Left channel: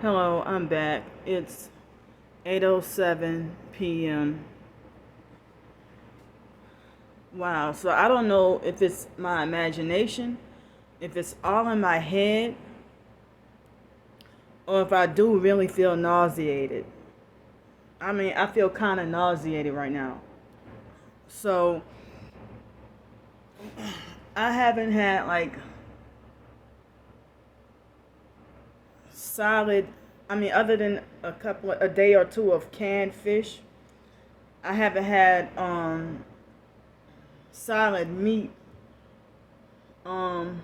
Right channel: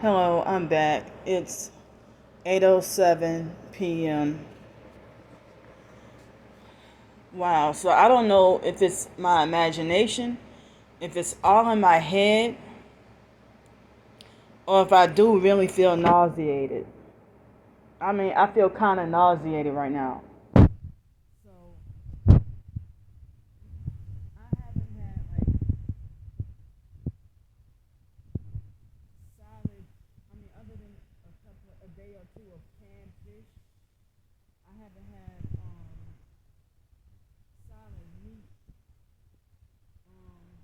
Hello, I'm back. It's 8:07 p.m. Wow, so I don't know if it's my imagination, if it's all in my head, or if I do really feel nauseated. I feel kind of nauseated right now. So, I haven't had like solid, other than a day or two of canned fish, I haven't had solid meat. Um,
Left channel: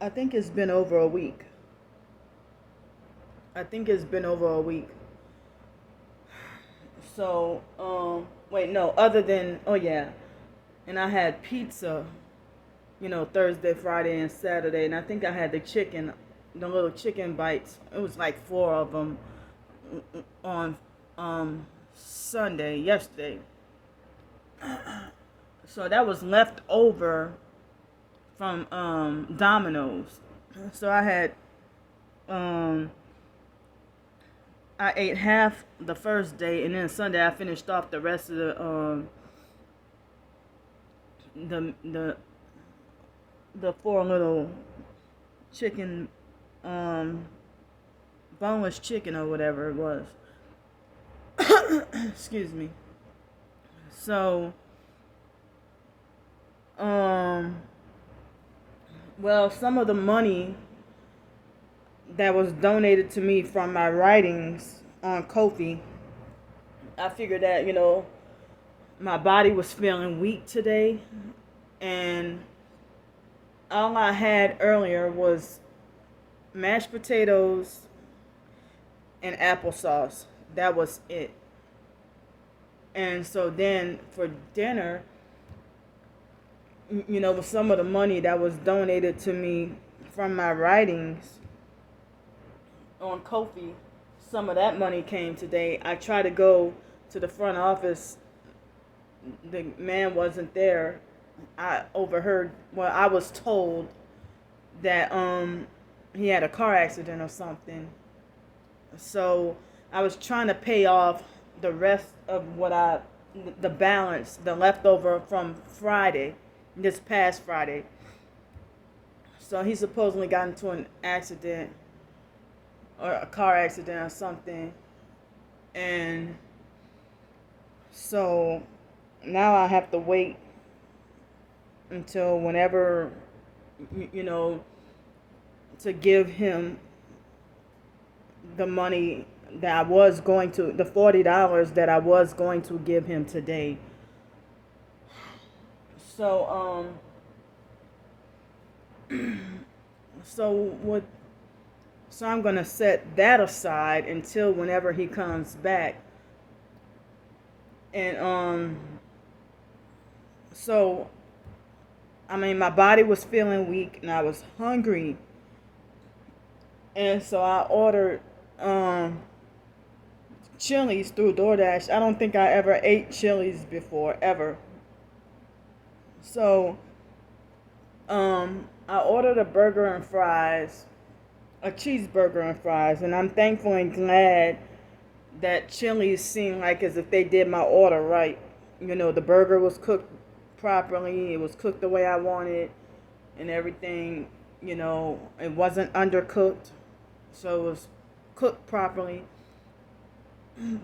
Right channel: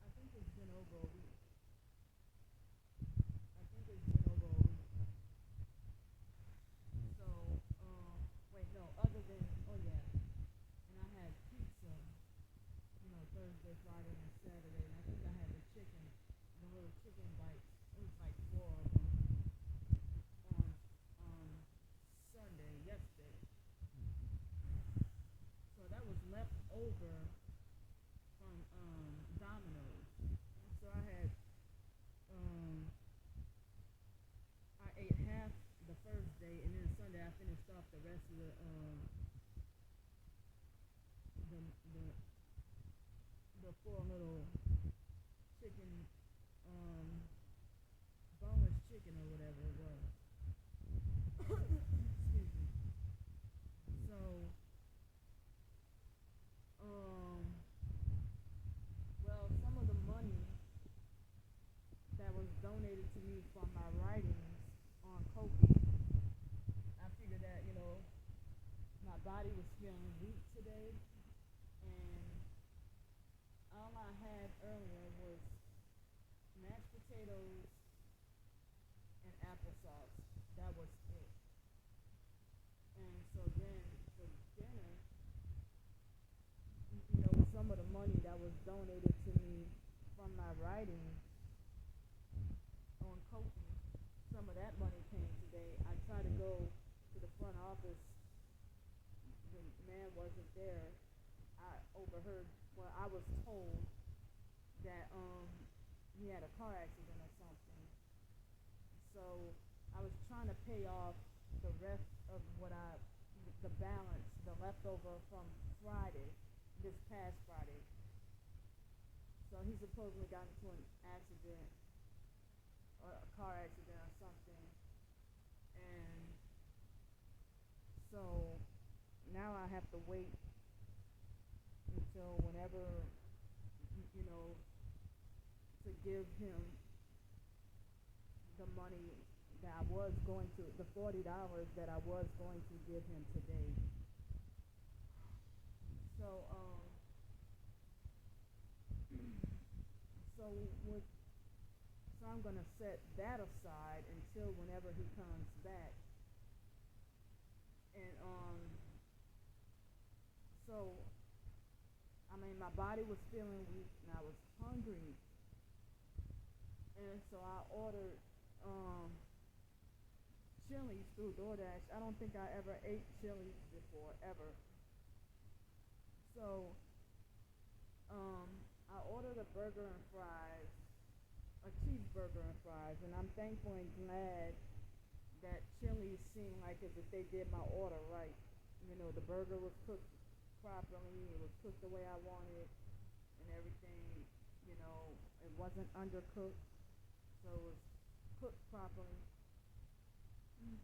I think it's been over a week. I think it's been over a week. So, wait, no, other than, oh yeah, and I had pizza, Thursday, Friday, and Saturday, and I think I had the little chicken bites. It was like four of them on Sunday, yesterday. So that was left over from Domino's. So um, I ate half the first day, and then Sunday I finished off the rest of the the four little chicken, um, boneless chicken or whatever it was. Excuse me. So, um, well, some of the money that was donated to me from my writings on Kofi, I figured that my body was feeling weak today, and all I had earlier was mashed potatoes and applesauce. That was it. And so then for dinner, with some of the money that was donated to me from my writings on Kofi, some of that money came today. I tried to go to the front office. The man wasn't there. I was told that he had a car accident or something. So I was trying to pay off the rest of the balance, the leftover from Friday, this past Friday. So he supposedly got into an accident or a car accident or something. And so now I have to wait until whenever, you know, to give him the money the $40 that I was going to give him today. So, so what? So I'm gonna set that aside until whenever he comes back, and so my body was feeling weak and I was hungry, and so I ordered Chili's through DoorDash. I don't think I ever ate Chili's before, ever. So, I ordered a burger and fries, a cheeseburger and fries, and I'm thankful and glad that Chili's seemed like as if they did my order right. The burger was cooked properly, it was cooked the way I wanted, and everything, it wasn't undercooked, so it was cooked properly.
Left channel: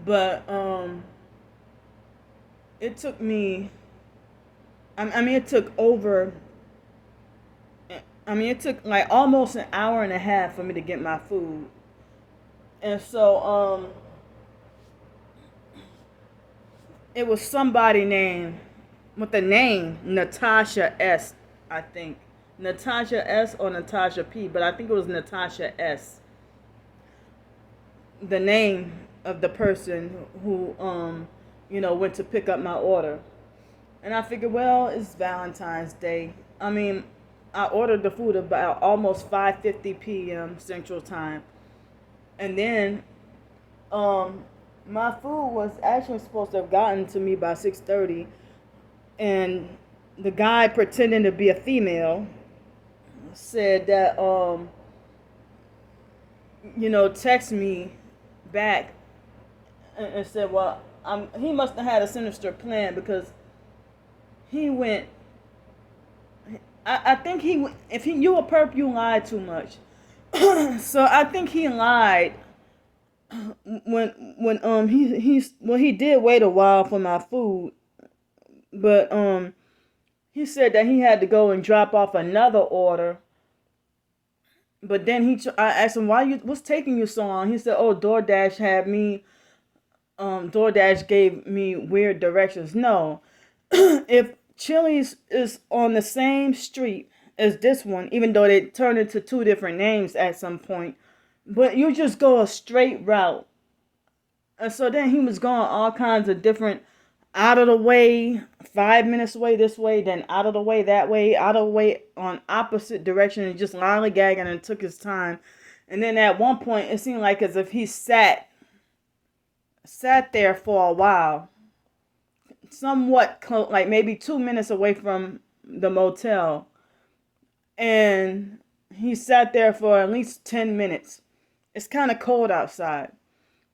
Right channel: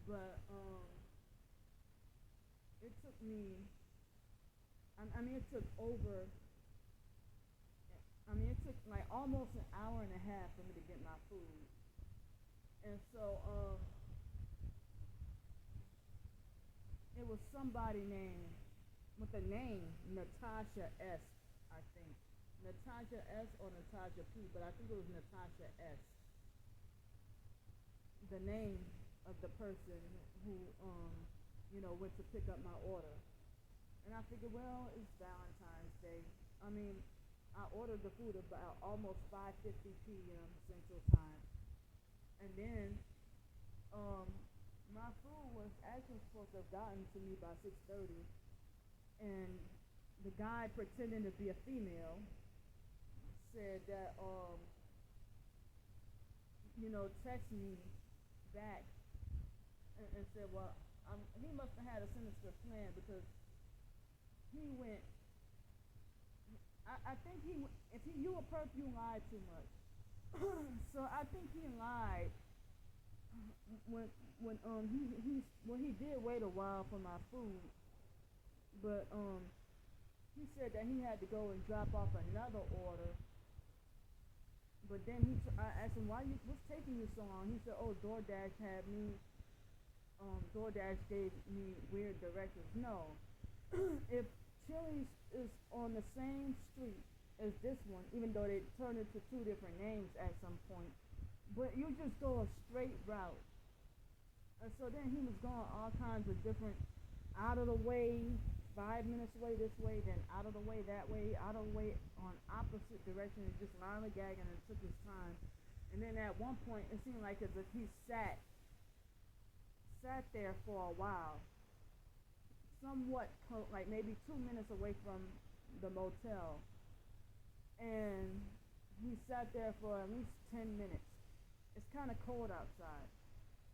But it took me. It took over. It took like almost an hour and a half for me to get my food, and so it was somebody named with the name Natasha S. I think Natasha S or Natasha P, but I think it was Natasha S. The name of the person who went to pick up my order. And I figured, well, it's Valentine's Day. I ordered the food about almost 5:50 p.m. Central Time. And then my food was actually supposed to have gotten to me by 6:30, and the guy pretending to be a female said that text me back and said, well, he must have had a sinister plan because he went. I think if you a perp, you lie too much. So I think he lied when he did wait a while for my food, but he said that he had to go and drop off another order. But then I asked him what's taking you so long. He said, "Oh, DoorDash had me. DoorDash gave me weird directions." No, if Chili's is on the same street as this one, even though they turned into two different names at some point, but you just go a straight route. And so then he was going all kinds of different, out of the way, 5 minutes away this way, then out of the way that way, out of the way on opposite direction, and just lollygagging and took his time. And then at one point, it seemed like as if he sat there for a while, somewhat close, like maybe 2 minutes away from the motel, and he sat there for at least 10 minutes. It's kind of cold outside.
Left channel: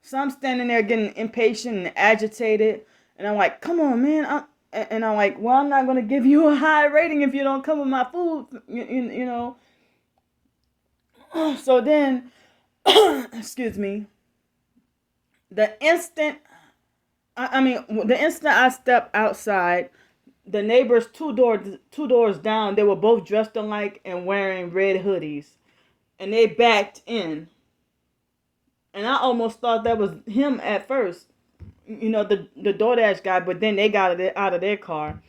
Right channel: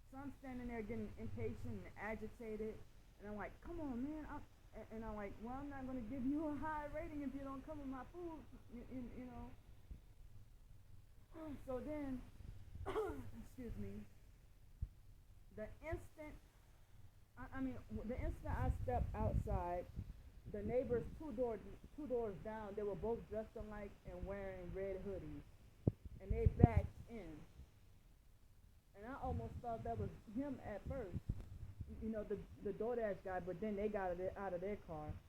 So I'm standing there getting impatient and agitated. And I'm like, come on, man. I'm like, well, I'm not going to give you a high rating if you don't come with my food, you know. So then, excuse me, the instant, the instant I stepped outside, the neighbors two doors down, they were both dressed alike and wearing red hoodies. And they backed in. And I almost thought that was him at first, the DoorDash guy, but then they got it out of their car.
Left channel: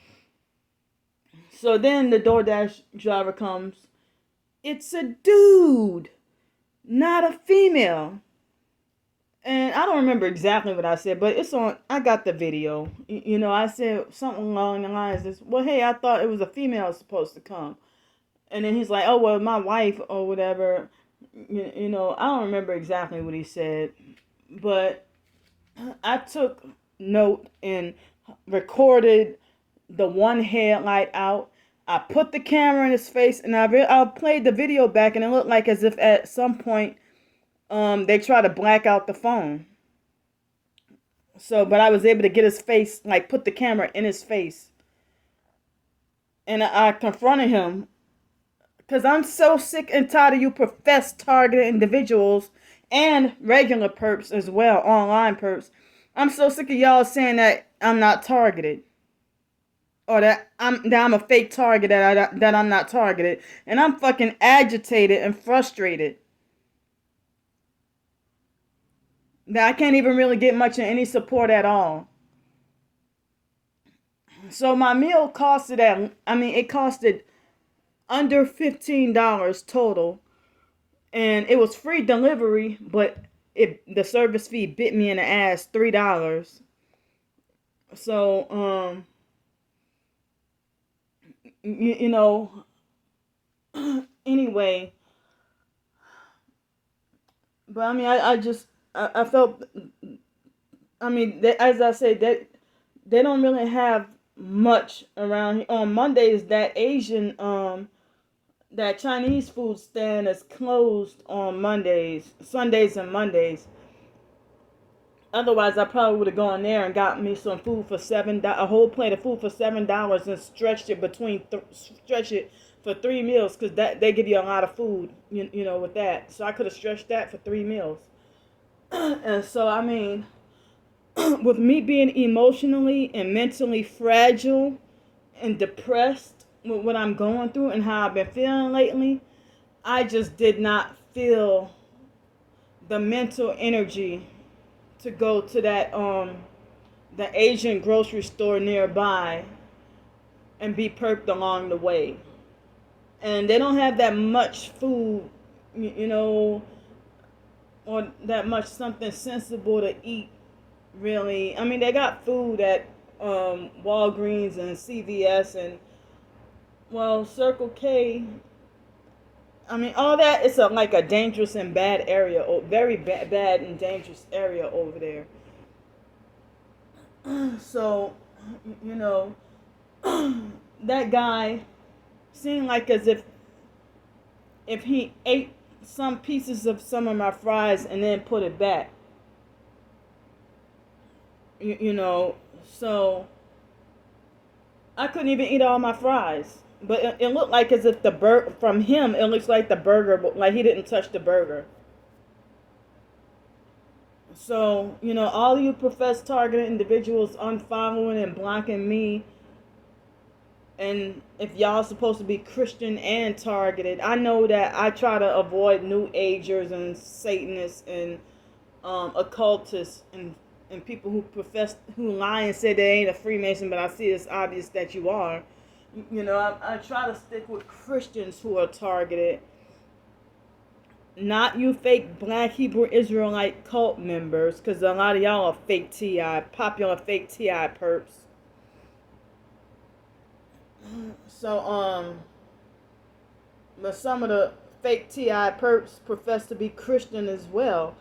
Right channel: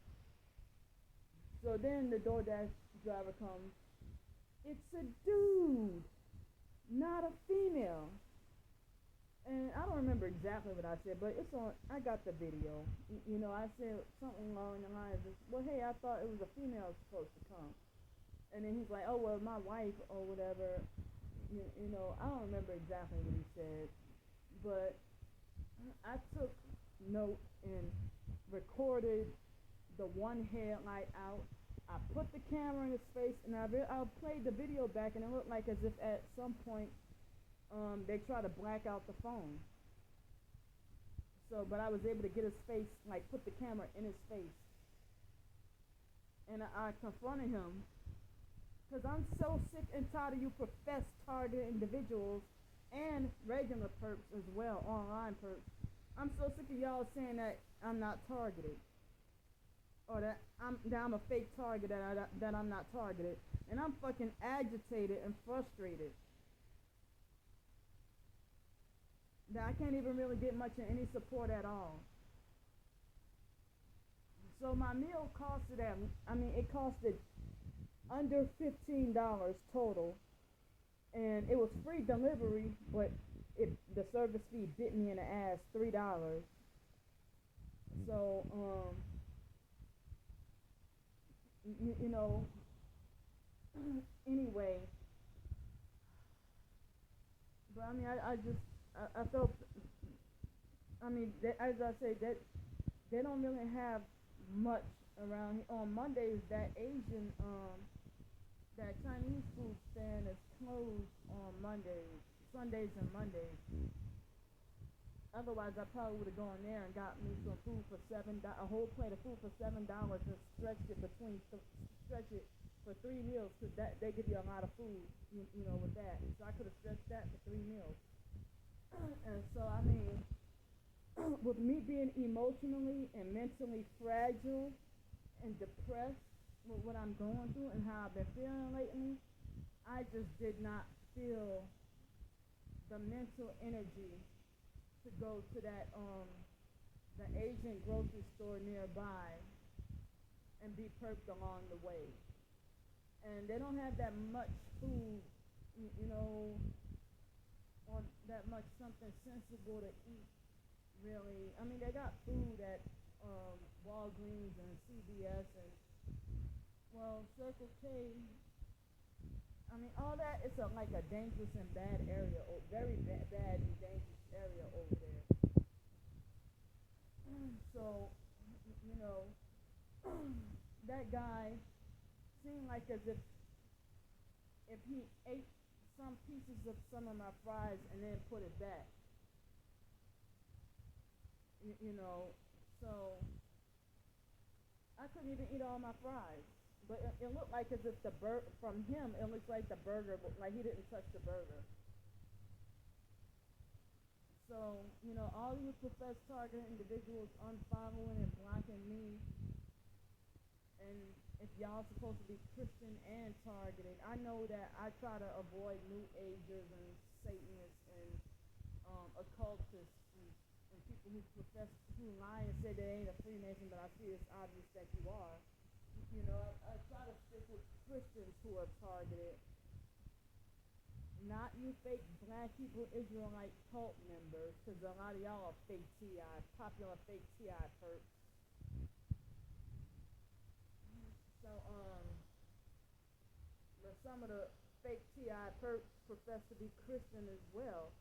So then the DoorDash driver comes. It's a dude, not a female. And I don't remember exactly what I said, but it's on. I got the video. I said something along the lines of, well, hey, I thought it was a female supposed to come. And then he's like, oh, well, my wife or whatever. I don't remember exactly what he said, but I took note and recorded the one headlight out. I put the camera in his face, and I played the video back, and it looked like as if at some point they tried to black out the phone. So, but I was able to get his face, like put the camera in his face, and I confronted him. Because I'm so sick and tired of you professed targeted individuals and regular perps as well, online perps. I'm so sick of y'all saying that I'm not targeted. Or that I'm a fake target, that I'm not targeted. And I'm fucking agitated and frustrated. That I can't even really get much of any support at all. So my meal costed it costed under $15 total, and it was free delivery, but the service fee bit me in the ass, $3. So anyway, but I felt, as I said, that they don't really have much around here. On Mondays, that Chinese food stand is closed on Mondays, Sundays, and Mondays. Otherwise, I probably would have gone there and got me some food for a whole plate of food for $7, and stretched it for 3 meals, because they give you a lot of food, with that. So I could have stretched that for 3 meals. And so with me being emotionally and mentally fragile and depressed with what I'm going through and how I've been feeling lately, I just did not feel the mental energy to go to that the Asian grocery store nearby and be perked along the way. And they don't have that much food, or that much something sensible to eat, really. They got food at Walgreens and CVS and, well, Circle K. All that is like a dangerous and bad area, or very bad and dangerous area over there. So, that guy seemed like as if if he ate some pieces of some of my fries and then put it back. You know, so I couldn't even eat all my fries. But it looked like as if from him, it looks like the burger, but like he didn't touch the burger. So, all you professed targeted individuals unfollowing and blocking me, and if y'all supposed to be Christian and targeted, I know that I try to avoid New Agers and Satanists and occultists and people who lie and say they ain't a Freemason, but I see it's obvious that you are. I try to stick with Christians who are targeted, not you fake Black Hebrew Israelite cult members, because a lot of y'all are fake TI, popular fake TI perps. So, but some of the fake TI perps profess to be Christian as well.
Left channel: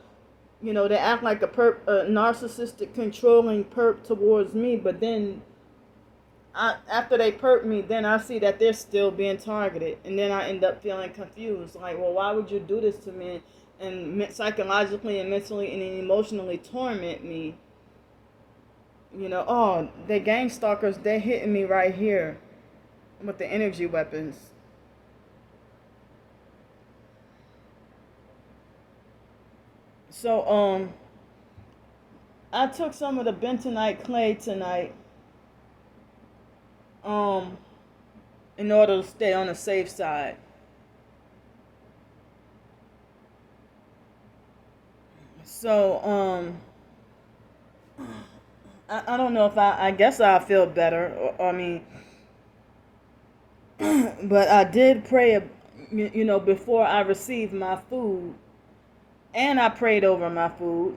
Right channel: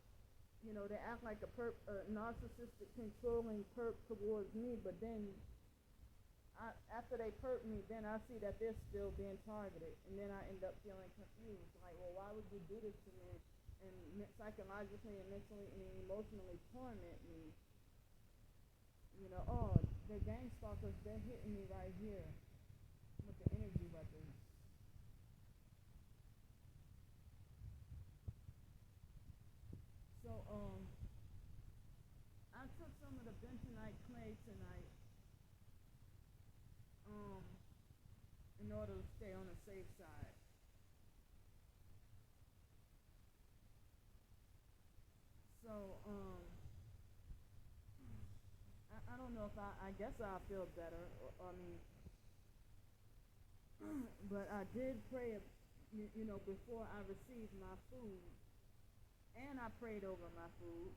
They act like a narcissistic, controlling perp towards me, but then after they perp me, then I see that they're still being targeted, and then I end up feeling confused. Like, well, why would you do this to me and psychologically and mentally and emotionally torment me? Oh, they gang stalkers, they're hitting me right here with the energy weapons. So, I took some of the bentonite clay tonight, in order to stay on the safe side. So, I don't know if I guess I'll feel better. I mean, but I did pray, before I received my food, and I prayed over my food.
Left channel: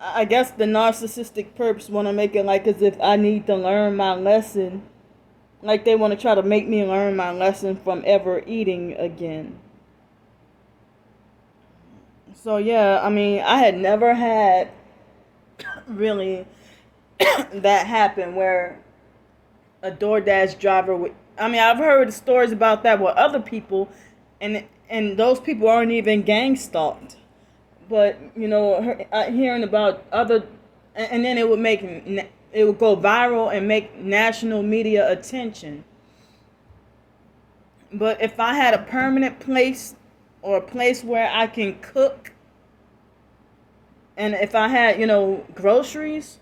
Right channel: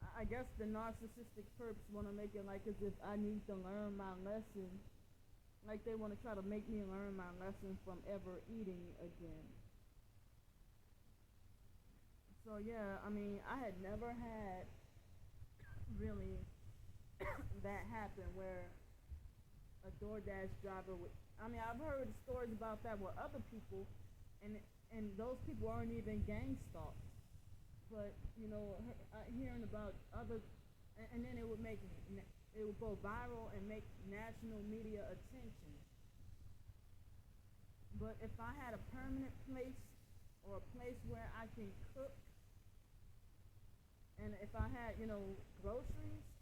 I guess the narcissistic perps want to make it like as if I need to learn my lesson. Like they want to try to make me learn my lesson from ever eating again. So yeah, I mean, I had never had really that happen where a DoorDash driver would. I mean, I've heard stories about that with other people, and those people aren't even gang stalked. But hearing about other, and then it would go viral and make national media attention. But if I had a permanent place or a place where I can cook, and if I had groceries,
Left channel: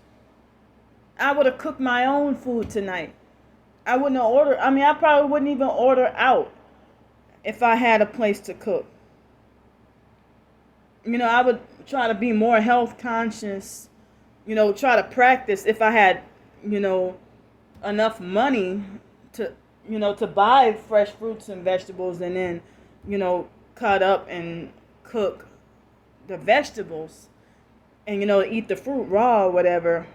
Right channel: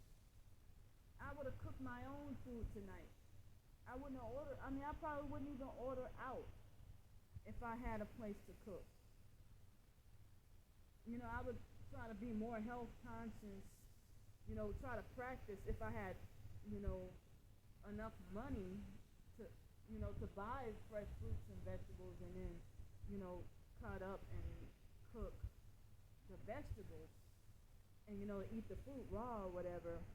I would have cooked my own food tonight. I wouldn't have ordered. I mean, I probably wouldn't even order out if I had a place to cook. I would try to be more health conscious, try to practice if I had, enough money to, to buy fresh fruits and vegetables and then, cut up and cook the vegetables and, eat the fruit raw or whatever.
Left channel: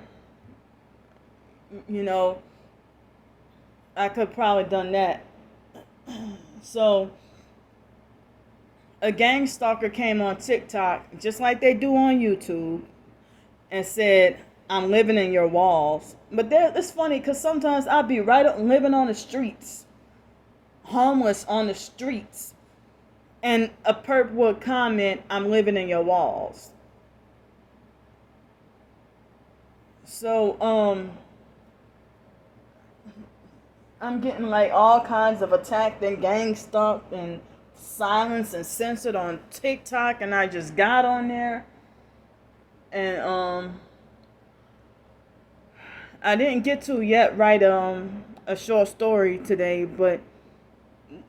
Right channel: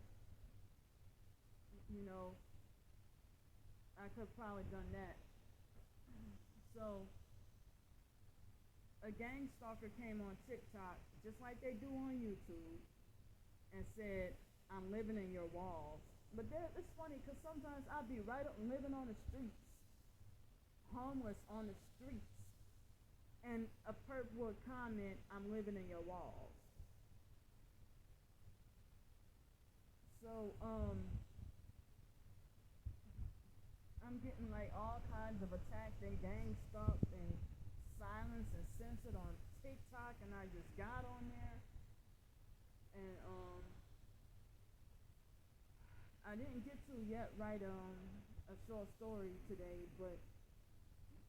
I could probably done that. So, a gang stalker came on TikTok, just like they do on YouTube, and said, I'm living in your walls. But it's funny because sometimes I'll be living on the streets, homeless on the streets, and a perp would comment, I'm living in your walls. So, I'm getting like all kinds of attacked and gang stalked and silenced and censored on TikTok, and I just got on there, and I didn't get to yet write a short story today, but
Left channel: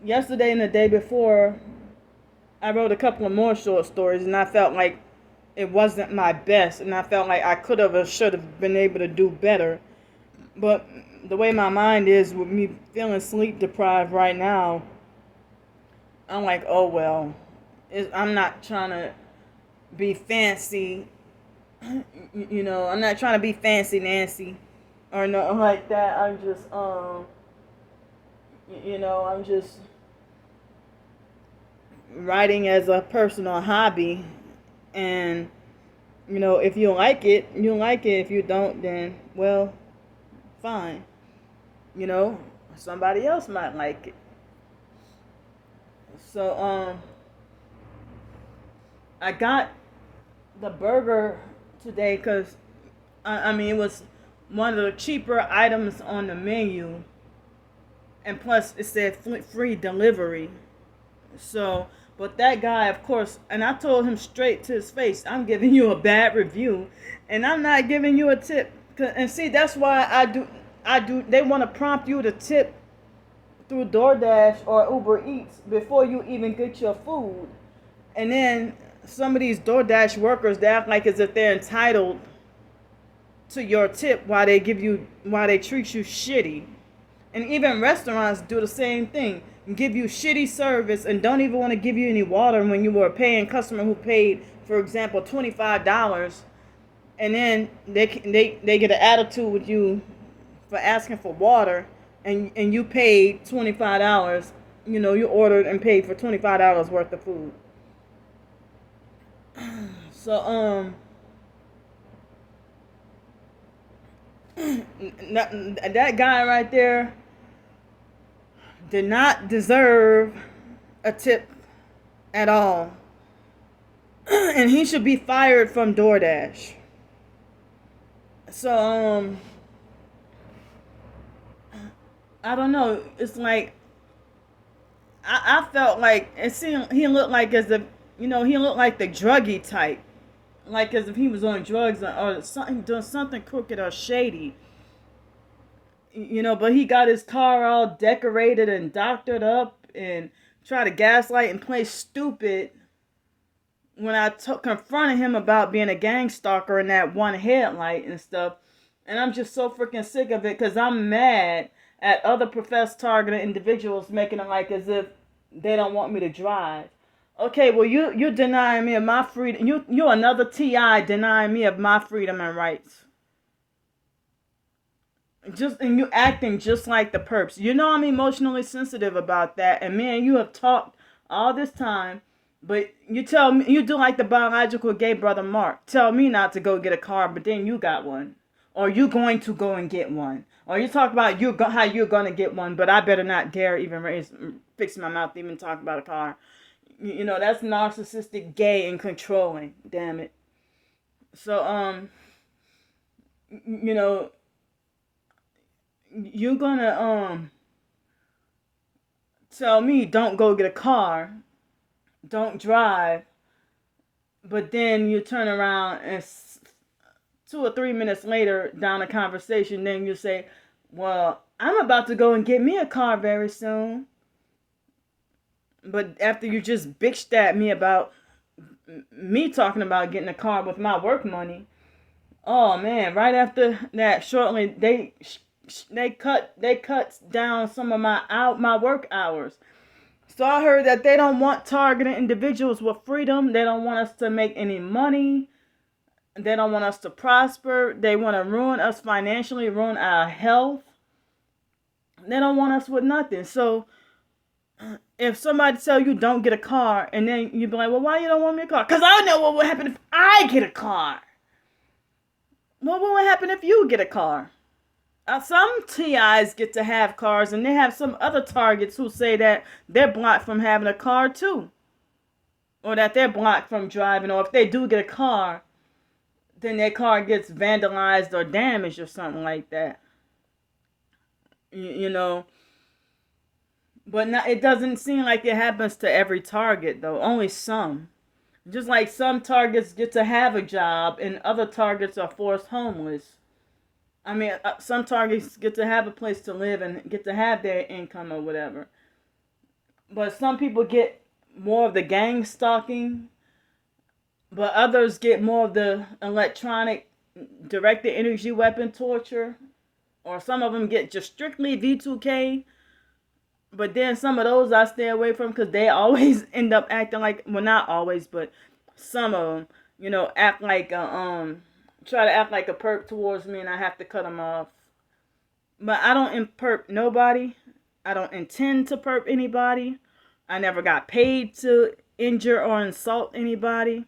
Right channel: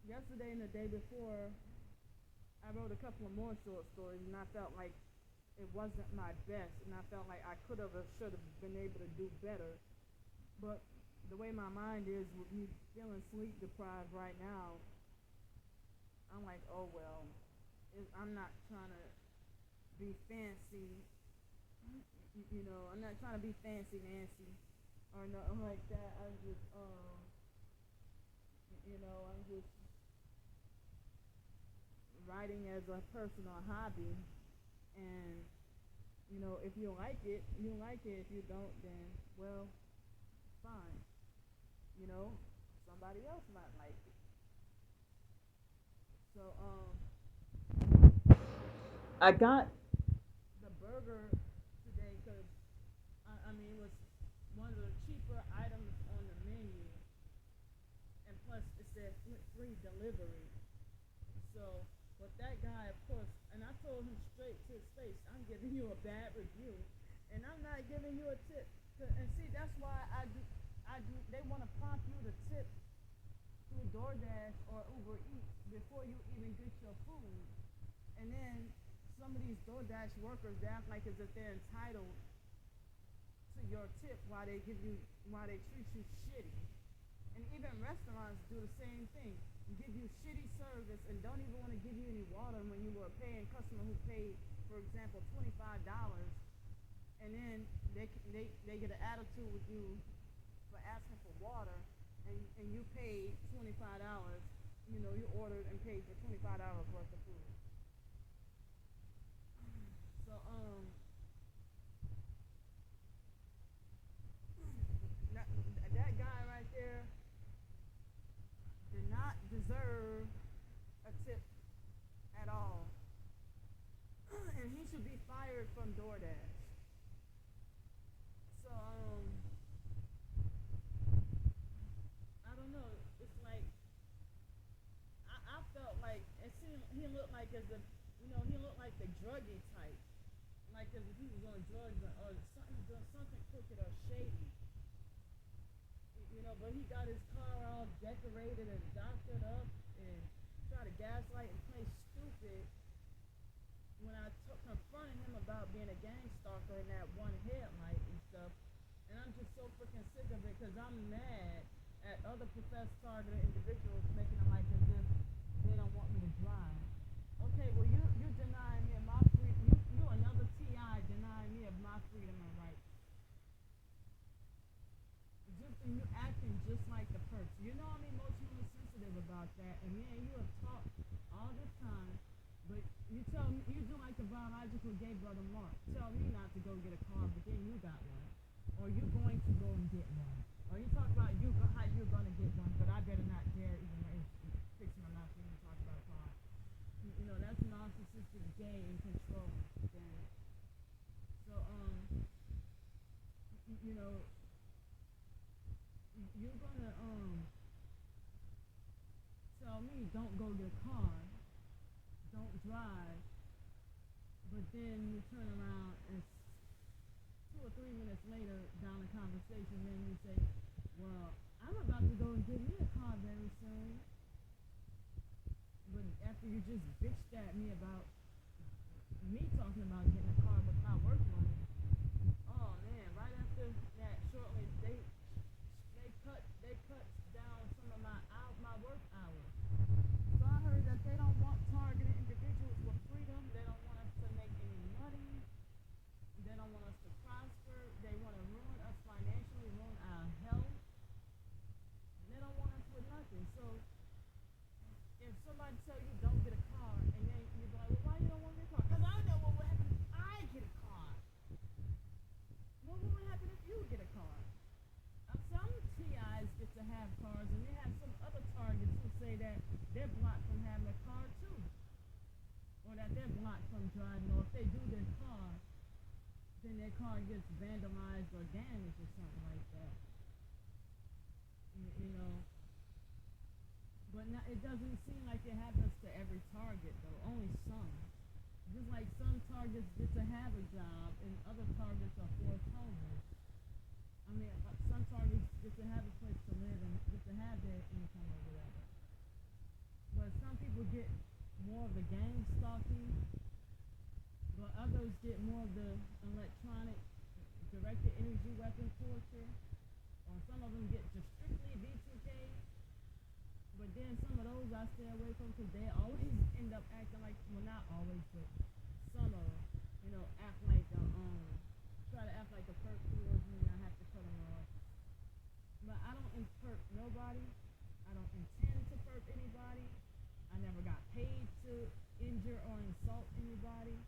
yesterday and the day before I wrote a couple of more short stories, and I felt like it wasn't my best, and I felt like I could have or should have been able to do better. But the way my mind is with me feeling sleep deprived right now, I'm like, oh well, I'm not trying to be fancy, I'm not trying to be fancy Nancy or nothing like that. I'm just, I'm just writing as a personal hobby, and if you like it, you like it. If you don't, then well, fine. You know, somebody else might like it. So I got the burger today because I mean it was one of the cheaper items on the menu, and plus it said free delivery. So, but that guy, of course, and I told him straight to his face, I'm giving you a bad review, and I'm not giving you a tip. And see, that's why I do. They want to prompt you to tip through DoorDash or Uber Eats before you even get your food, and then some of these DoorDash workers, they act like as if they're entitled to your tip while they treat you shitty. And even restaurants do the same thing. Give you shitty service and don't even want to give you any water when you were a paying customer who paid, for example, $25, and then they get an attitude with you for asking for water, and you paid $25. You know, you ordered and paid for $25 worth of food. So that guy right there did not deserve a tip at all. And he should be fired from DoorDash. So I don't know. It's like I felt like it seemed he looked like as if he looked like the druggie type, like as if he was on drugs or something, doing something crooked or shady. But he got his car all decorated and doctored up and tried to gaslight and play stupid when I confronted him about being a gang stalker and that one headlight and stuff. And I'm just so freaking sick of it because I'm mad at other professed targeted individuals making it like as if they don't want me to drive. Okay, well you're denying me of my freedom. You're another TI denying me of my freedom and rights. And you acting just like the perps. I'm emotionally sensitive about that, and me and you have talked all this time. But you tell me you do like the biological gay brother Mark. Tell me not to go get a car, but then you got one, or you going to go and get one, or you talk about how you're gonna get one, but I better not dare even fix my mouth to even talk about a car. That's narcissistic, gay, and controlling. Damn it. So you know you're gonna tell me don't go get a car, don't drive, but then you turn around and 2 or 3 minutes later down the conversation, then you say, well, I'm about to go and get me a car very soon. But after you just bitched at me about me talking about getting a car with my work money, oh man, right after that, shortly they cut down some of my work hours. So I heard that they don't want targeted individuals with freedom. They don't want us to make any money. They don't want us to prosper. They want to ruin us financially, ruin our health. They don't want us with nothing. So if somebody tell you don't get a car, and then you be like, well, why you don't want me a car? Because I know what would happen if I get a car. Well, what would happen if you get a car? Some TIs get to have cars, and they have some other targets who say that they're blocked from having a car too, or that they're blocked from driving, or if they do get a car, then their car gets vandalized or damaged or something like that. You know, but not, it doesn't seem like it happens to every target though. Only some. Just like some targets get to have a job, and other targets are forced homeless. I mean, some targets get to have a place to live and get to have their income or whatever. But some people get more of the gang stalking, but others get more of the electronic directed energy weapon torture, or some of them get just strictly V2K. But then some of those I stay away from because they always end up acting like, well, not always, but some of them, act like try to act like a perp towards me, and I have to cut them off. But I don't perp nobody. I don't intend to perp anybody. I never got paid to injure or insult anybody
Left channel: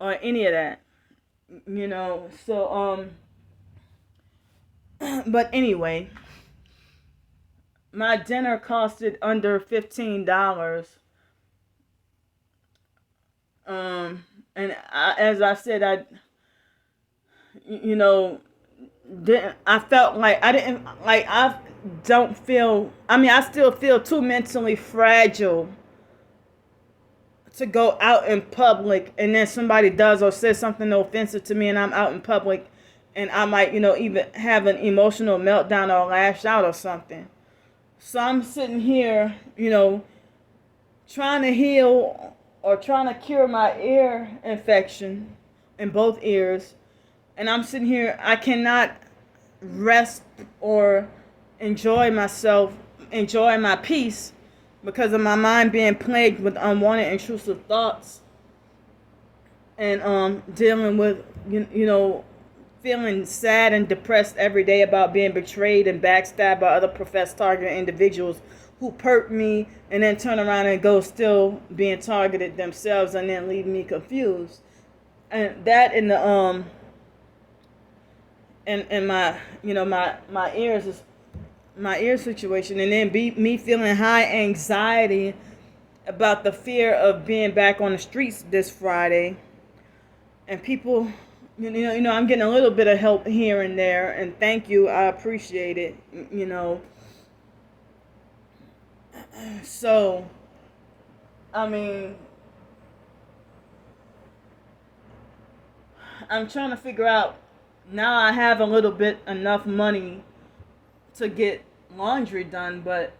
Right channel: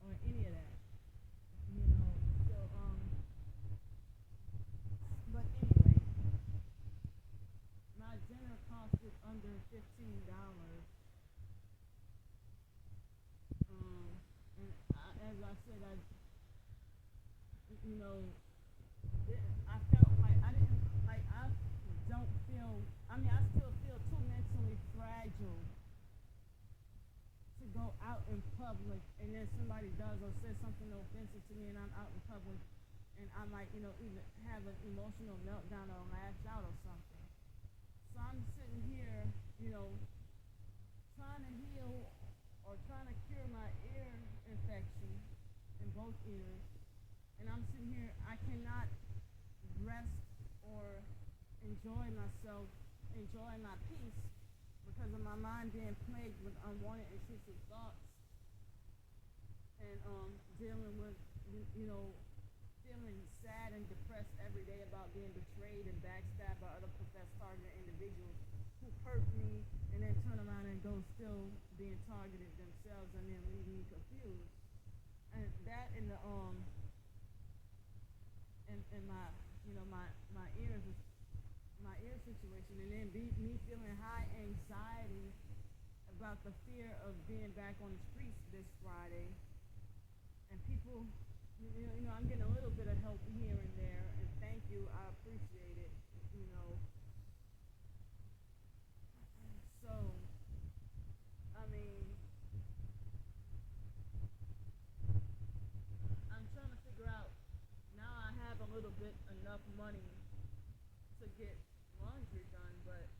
or any of that. So but anyway, my dinner costed under $15. And as I said, you know, didn't I felt like I didn't like I don't feel. I mean, I still feel too mentally fragile to go out in public, and then somebody does or says something offensive to me, and I'm out in public, and I might, even have an emotional meltdown or lash out or something. So I'm sitting here, trying to heal or trying to cure my ear infection in both ears, and I'm sitting here. I cannot rest or enjoy myself, enjoy my peace, because of my mind being plagued with unwanted intrusive thoughts, and dealing with feeling sad and depressed every day about being betrayed and backstabbed by other professed targeted individuals who perk me and then turn around and go still being targeted themselves and then leave me confused. And that in the in my my ears is my ear situation, and then me feeling high anxiety about the fear of being back on the streets this Friday, and people, I'm getting a little bit of help here and there, and thank you, I appreciate it, So, I mean, I'm trying to figure out, now I have a little bit enough money to get laundry done, but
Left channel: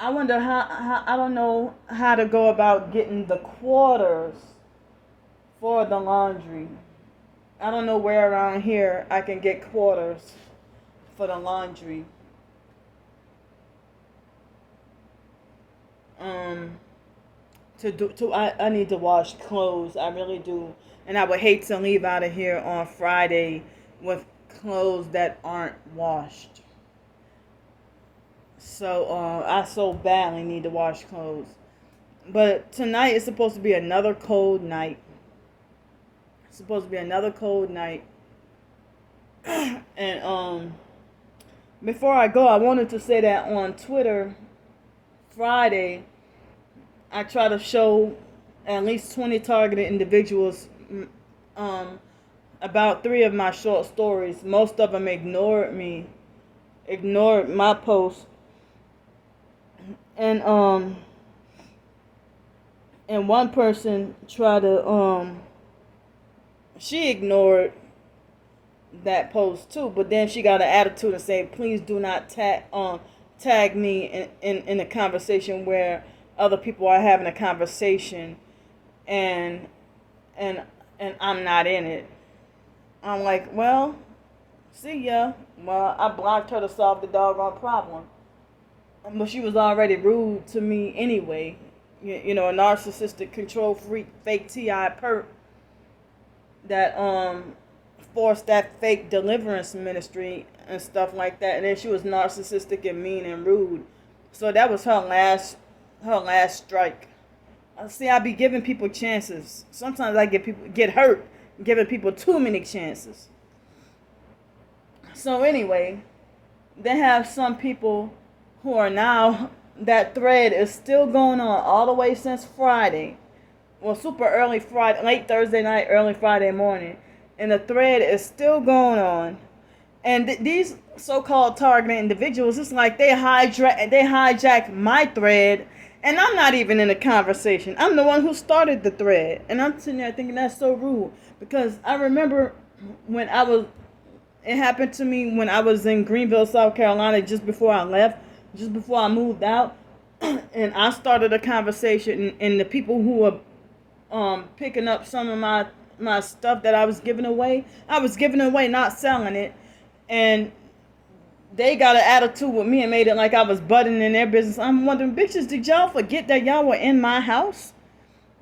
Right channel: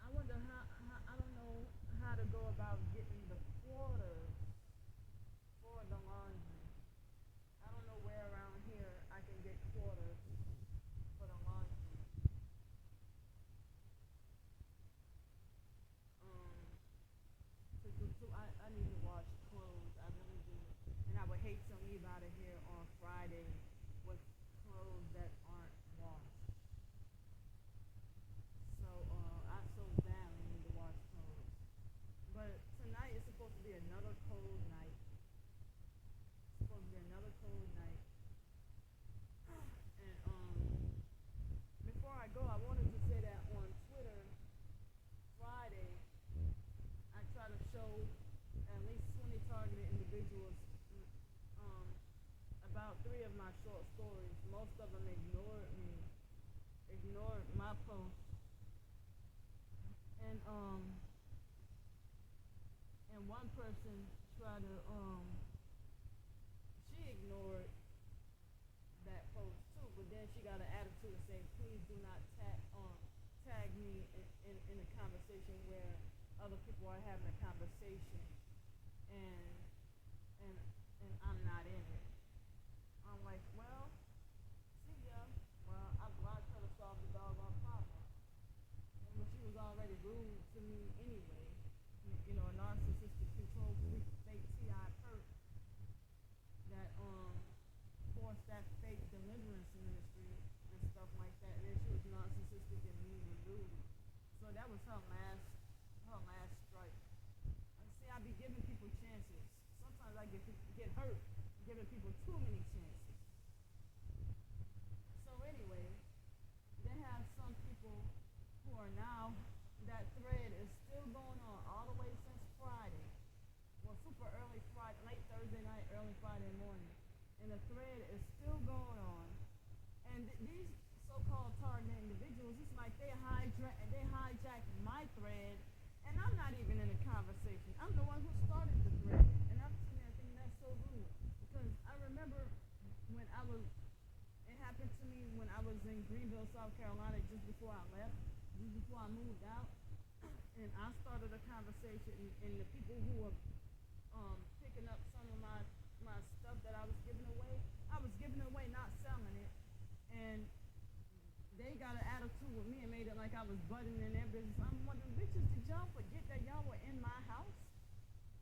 I wonder how I don't know how to go about getting the quarters for the laundry. I don't know where around here I can get quarters for the laundry. Um, I need to wash clothes. I really do, and I would hate to leave out of here on Friday with clothes that aren't washed. So I so badly need to wash clothes. But tonight is supposed to be another cold night. It's supposed to be another cold night. And before I go, I wanted to say that on Twitter Friday, I try to show at least 20 targeted individuals about 3 of my short stories. Most of them ignored me, ignored my post, and one person tried to she ignored that post too, but then she got an attitude and said, please do not tag me in a conversation where other people are having a conversation, and and I'm not in it. I'm like, well, see ya. Well, I blocked her to solve the doggone problem. But she was already rude to me anyway. A narcissistic, control freak, fake TI perp that forced that fake deliverance ministry and stuff like that. And then she was narcissistic and mean and rude. So that was her last strike. See, I be giving people chances. Sometimes I get hurt giving people too many chances. So anyway, they have some people who are now, that thread is still going on all the way since Friday. Well, super early Friday, late Thursday night, early Friday morning. And the thread is still going on. And these so-called targeted individuals, it's like they hijack my thread, and I'm not even in the conversation. I'm the one who started the thread. And I'm sitting there thinking that's so rude. Because I remember when it happened to me when I was in Greenville, South Carolina, just before I left, just before I moved out. And I started a conversation, and the people who were picking up some of my stuff that I was giving away, not selling it. And they got an attitude with me and made it like I was butting in their business. I'm wondering, bitches, did y'all forget that y'all were in my house?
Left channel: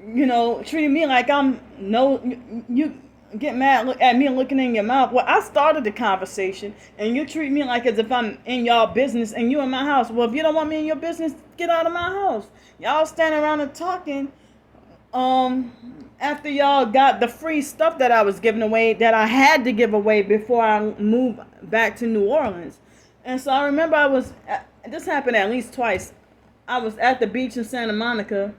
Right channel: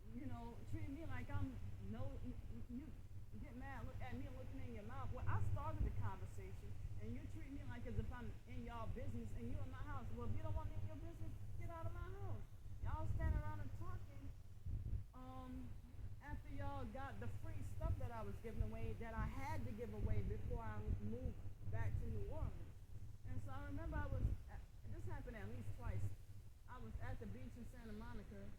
Treating me like I'm no, you get mad at me looking in your mouth. Well, I started the conversation, and you treat me like as if I'm in y'all business and you in my house. Well, if you don't want me in your business, get out of my house. Y'all standing around and talking after y'all got the free stuff that I was giving away, that I had to give away before I moved back to New Orleans. And so I remember this happened at least twice. I was at the beach in Santa Monica.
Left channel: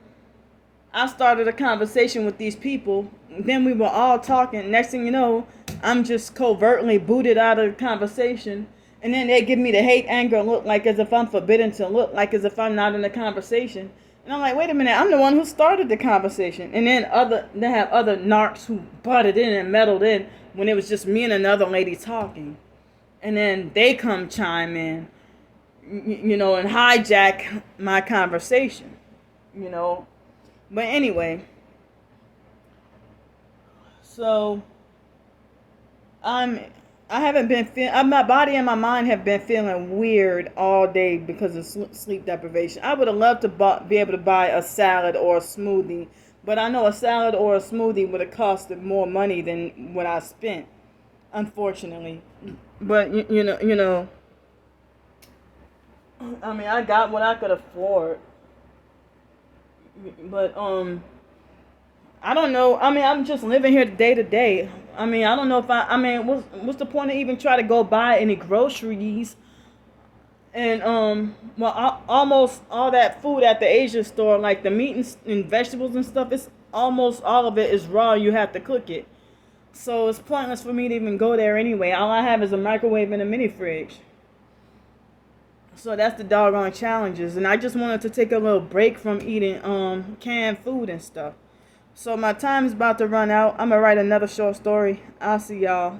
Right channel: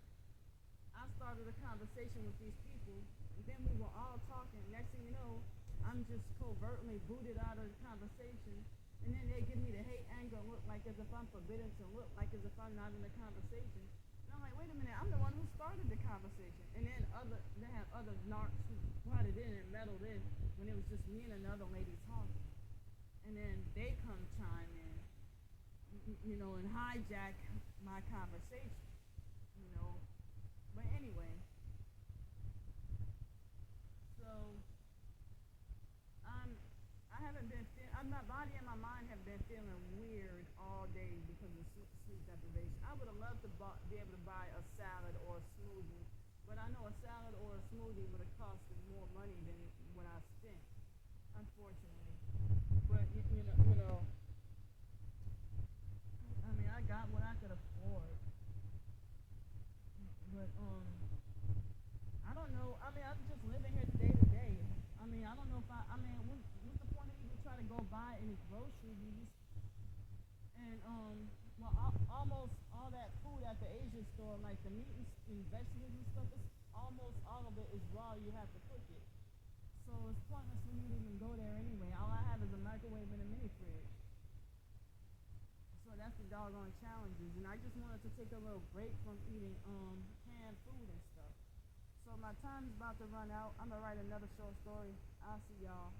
I started a conversation with these people. Then we were all talking. Next thing you know, I'm just covertly booted out of the conversation. And then they give me the hate, anger look, like as if I'm forbidden to look, like as if I'm not in the conversation. And I'm like, wait a minute, I'm the one who started the conversation. And then they have other narcs who butted in and meddled in when it was just me and another lady talking. And then they come chime in, and hijack my conversation, you know. But anyway, so I haven't been feeling, my body and my mind have been feeling weird all day because of sleep deprivation. I would have loved to be able to buy a salad or a smoothie, but I know a salad or a smoothie would have costed more money than what I spent, unfortunately. But I mean, I got what I could afford. But I don't know. I mean, I'm just living here day to day. I mean, I don't know if I mean, what's the point of even try to go buy any groceries? And almost all that food at the Asia store, like the meat and vegetables and stuff, it's almost all of it is raw. You have to cook it, so it's pointless for me to even go there anyway. All I have is a microwave and a mini fridge. So that's the doggone challenges, and I just wanted to take a little break from eating canned food and stuff. So my time is about to run out. I'm gonna write another short story. I'll see y'all.